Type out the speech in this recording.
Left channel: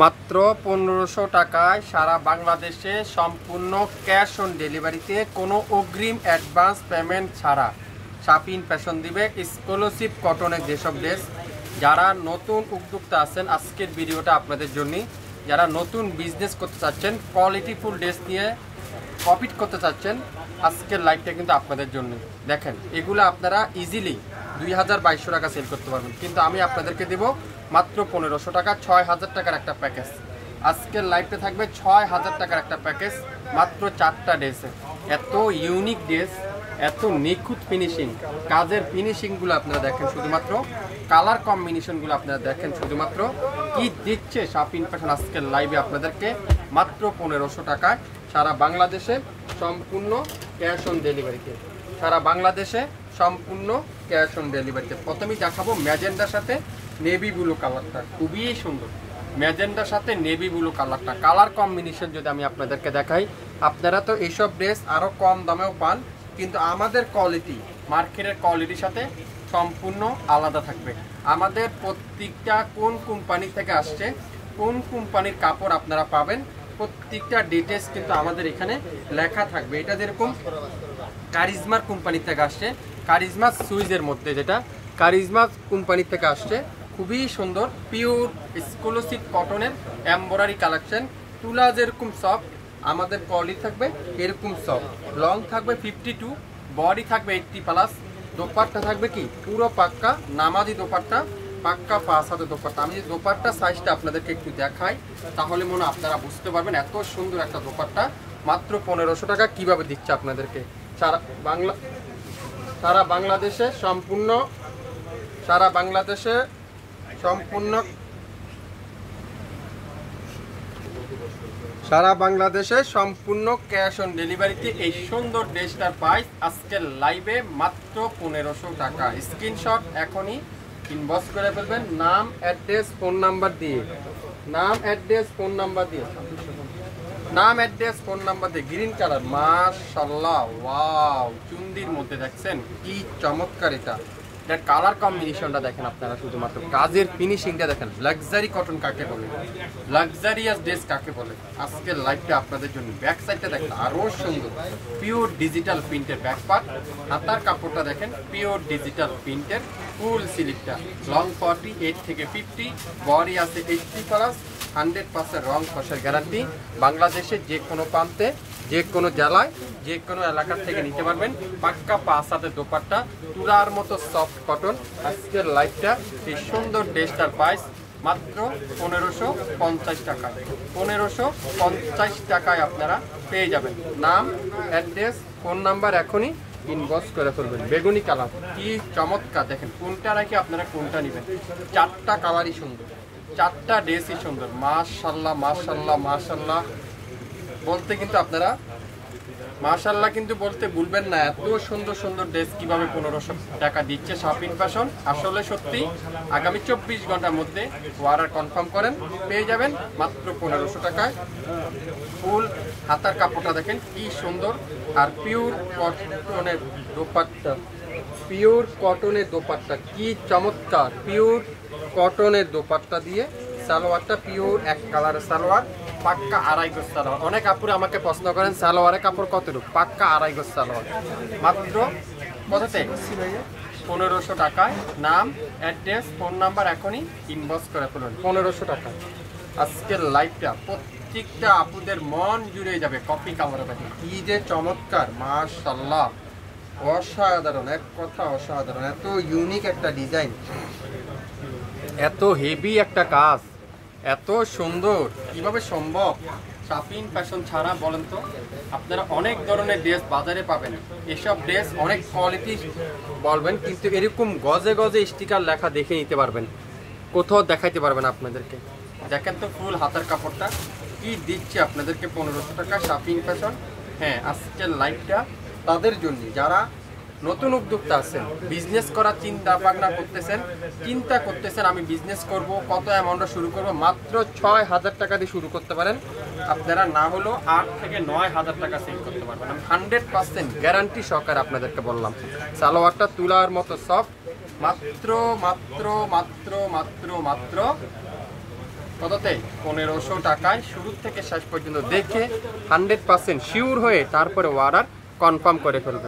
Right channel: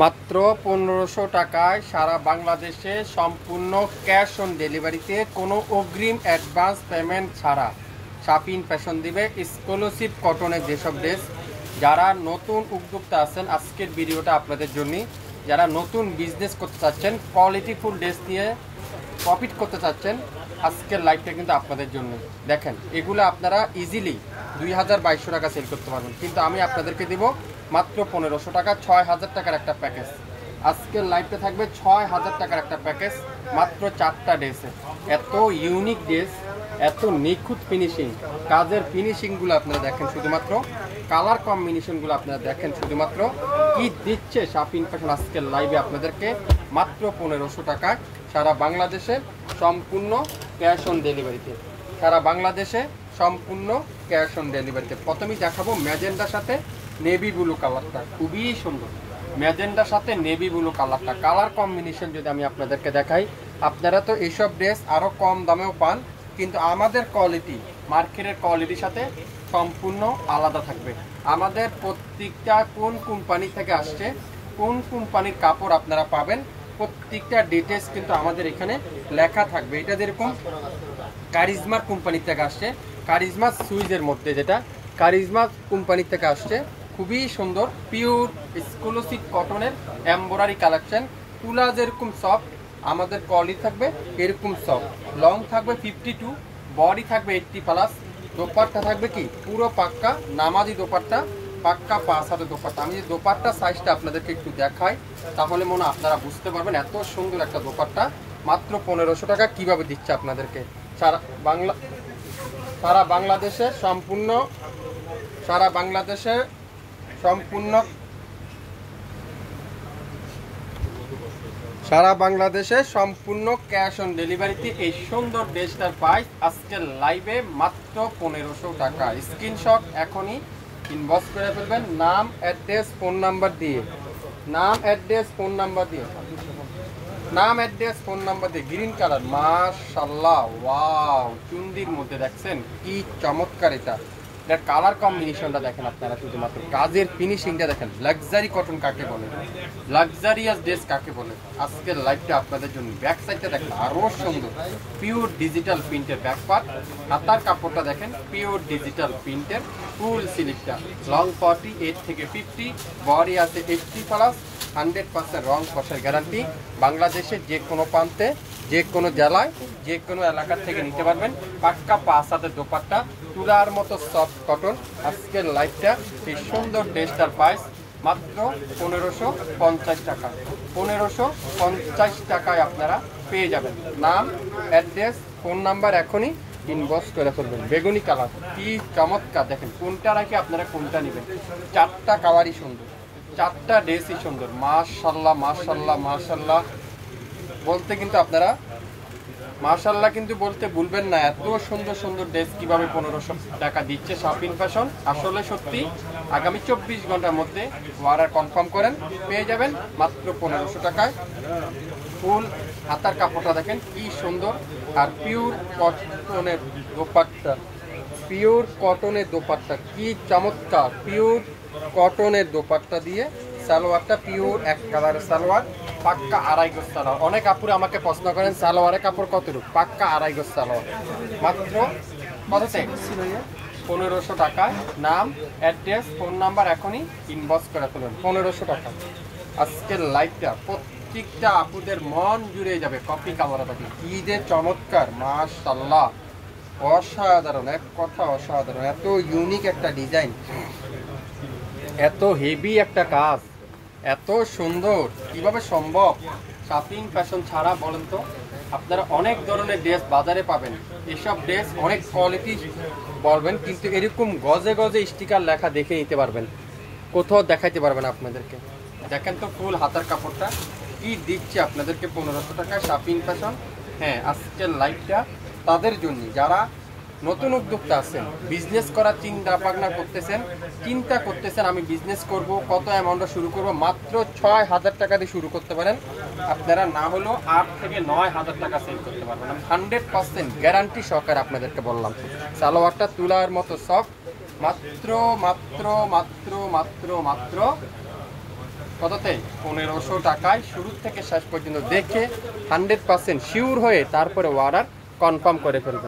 মাত্র 1500 টাকায় সারা বাংলাদেশে সম্পূর্ণ ক্যাশ অন ডেলিভারিতে কোনো অগ্রিম অ্যাডভান্স পেমেন্ট ছাড়া শাপিন ফ্যাশন দিবে এক্সক্লুসিভ কটনের যেসব ড্রেস। যারা নতুন উদ্যোক্তা আছেন আজকের ভিডিওটা আপনাদের জন্য। যারা নতুন বিজনেস করতে চাচ্ছেন, কোয়ালিটিফুল ড্রেস নিয়ে প্রফিট করতে চাচ্ছেন, আজকের লাইভটা কিন্তু আপনাদের জন্য। দেখেন এগুলো আপনারা ইজিলি 2200 টাকা সেল করতে পারবেন, কিন্তু আমি আপনাদেরকে দেব মাত্র 1500 টাকা, 6000 টাকার একটা প্যাকেজ। আজকের লাইভটা থাকবে 6000 টাকার একটা প্যাকেজ, মাত্র 4টা ড্রেসে। এত ইউনিক ড্রেস, এত নিখুঁত ফিনিশিং, কাজের ফিনিশিংগুলো আপনারা দেখেন, শুধুমাত্র কালার কম্বিনেশনগুলো আপনারা দেখেন, শুধুমাত্র কি দিচ্ছে শাপিন ফ্যাশন আজকের লাইভে আপনাদেরকে মাত্র 1500 টাকায় সারা বাংলাদেশে সম্পূর্ণ ক্যাশ অন ডেলিভারিতে। সারা বাংলাদেশে সম্পূর্ণ ক্যাশ অন ডেলিভারিতে। প্রথমেই দেখাবো ম্যাজেন্ডার সাথে নেভি ব্লু কালারটা, খুবই সুন্দর। ম্যাজেন্ডার সাথে নেভি ব্লু কালারটা, কালার কম্বিনেশন যদি আমি আপনাদেরকে দেখাই, আপনারা তো এইসব ড্রেস আরও কম দামেও পান, কিন্তু আমাদের কোয়ালিটি মার্কেটের কোয়ালিটির সাথে সম্পূর্ণ আলাদা থাকবে। আমাদের প্রত্যেকটা কোন কোম্পানি থেকে আসছে, কোন কোম্পানির কাপড় আপনারা পাবেন, প্রত্যেকটা ডিটেলস কিন্তু আমাদের এখানে লেখা থাকবে। এটা যেরকম কারিজমার কোম্পানি থেকে আসছে, কারিজমা সুইজের মধ্যে, যেটা কারিজমা কোম্পানি থেকে আসছে, খুবই সুন্দর পিওর এক্সক্লুসিভ কটনের এমব্রয়ডারি কালেকশন। তুলা যেরকম সফট, আমাদের কোয়ালিটি থাকবে এরকম সফট। লং থাকবে 52, বডি থাকবে 80+। দোপাট্টা থাকবে কি পুরো পাক্কা নামাজি দোপাট্টা, পাক্কা 5 হাতের দোপাট্টা। আমি যে দোপাট্টা সাইজটা আপনাদেরকে একটু দেখাই, তাহলে মনে আপনারা বুঝতে পারবেন এত সুন্দর একটা দোপাট্টা মাত্র 1500 টাকা কিভাবে দিচ্ছে আপনাদেরকে। সারা বাংলাদেশে সম্পূর্ণ সারা বাংলাদেশে সম্পূর্ণ ক্যাশ অন ডেলিভারিতে এই সুন্দর ড্রেসটার প্রাইস আজকের লাইভে মাত্র 1500 টাকা। স্ক্রিনশট এখনই ইনবক্স করে ফেলবেন, নাম অ্যাড্রেস ফোন নাম্বার দিয়ে, নাম অ্যাড্রেস ফোন নাম্বার দিয়ে, নাম অ্যাড্রেস ফোন নাম্বার দিয়ে। গ্রিন কালার, মাশাআল্লাহ, ওয়াও, চুন্দির মধ্যে দেখছেন কি চমৎকার। এটার কালার কম্বিনেশনটা দেখেন আপনারা, শুধুমাত্র কাজের ফিনিশিংটা দেখেন। লাক্সারি কটন কাকে বলে, লাক্সারিয়াস ড্রেস কাকে বলে, আজকের লাইভটা আপনাদের জন্য। ব্যাক সাইডটা দেখেন আরও সুন্দর, পিওর ডিজিটাল প্রিন্টের ব্যাক পার্ট। হাতার কাপড়টা দেখেন পিওর ডিজিটাল প্রিন্টের, ফুল সিলিকটা। লং 48 থেকে 50, বডি আছে 80+, 100% রং কষার গ্যারান্টি। বাংলাদেশের যে কোনো প্রান্তে, যে কোনো জেলায়, যে কোনো এলাকার থেকে নিতে পারবেন। পাক্কা 5 হাতের দোপাট্টা, তুলার মতো সফট কটন। আজকের লাইভটা এই সুন্দর ড্রেসটার প্রাইস মাত্র 1550 টাকা। 1550 টাকায় আপনারা পেয়ে যাবেন। নাম অ্যাড্রেস ফোন নাম্বার এখনই ইনবক্স করে ফেলবেন। বেগুনি কালার কি চমৎকার, দেখেন কোনটা রাখি আপনারা কোনটা নেবেন। 4টা কালারই সুন্দর, 4টা ড্রেসই সুন্দর। মাশাআল্লাহ মাশাআল্লাহ মাশাআল্লাহ বলতে কিন্তু আপনারা মাশাআল্লাহ কিন্তু বলতে ভুলবেন না। এত সুন্দর সুন্দর ড্রেস কিভাবে 1500 টাকা দিচ্ছে শাপিন ফ্যাশন, আসলে সত্যি। আগামী 24 ঘন্টার মধ্যে অর্ডার কনফার্ম করেন, পেয়ে যাবেন মাত্র 1500 টাকায়। ফুল হাতার কাপড়টা দেখেন কি সুন্দর, আর পিওর কটনের দোপাট্টা, পিওর কটনের দোপাট্টা কি চমৎকার। পিওর কটনের দোপাট্টা দিয়ে সালোয়ারটা পিওর এক কালারের সালোয়ার, পাক্কা 2.5 গজ সালোয়ার। অনেক আপুরে আমাকে প্রশ্ন করেন সালোয়ারের কাপড় কতটুকু, পাক্কা 2.5 গজ সালোয়ার। মাত্র কততে 1500 টাকায়। নাম অ্যাড্রেস ফোন নাম্বার এখনই ইনবক্স করে ফেলুন। 1500 টাকা আজকের লাইভটা প্রত্যেকটা আপুদের মন জুড়ে যাবে। কপি কামড়া পাখি কি যে চমৎকার, মাশাআল্লাহ, অসাধারণ, এক কথা অসাধারণ। এত ইউনিক একটা ডিজাইন, এত হেভি একটা কাজ, এত সুন্দর, কিভাবে সম্ভব? শাপিন ফ্যাশন ছাড়া বলেন তো আপনারা অনেক ধরনের ড্রেস বাজারে পাবেন, এসব ড্রেস অনেক কোয়ালিটি বলবেন, কিন্তু এরকম গজে গজে স্টিকার লেখা দেখে নিতে পারবেন, কোথাও দেখাইতে পারবেন আপনাদেরকে। দেখেন তো ফুল হাতার কাপড়টা কি দিচ্ছে আপনাদেরকে 1500 টাকা শাপিন ফ্যাশন। হ্যাঁ, আজকের লাইভটা তাদের জন্য যারা নতুন উদ্যোক্তা আছেন, বিজনেস করার চিন্তা ভাবনা করতেছেন, আমি বিজনেস করব, কত অ্যামাউন্টে শুরু করব। মাত্র 6000 টাকা দিয়ে শুরু করতে পারেন আপনারা, না হলো 8 থেকে 9000 টাকা সেল করতে পারবেন। আমি 100% গ্যারান্টি সহকারে আপনাদেরকে বললাম। সালোয়ারটা তুলার মতো সফট, মাত্র মাত্র মাত্র মাত্র মাত্র কততে 1500 টাকায় শুরু থেকে শেষ পর্যন্ত দেখে 100% শিওর হয়ে তারপরে অর্ডার কনফার্ম করে ফেলবেন।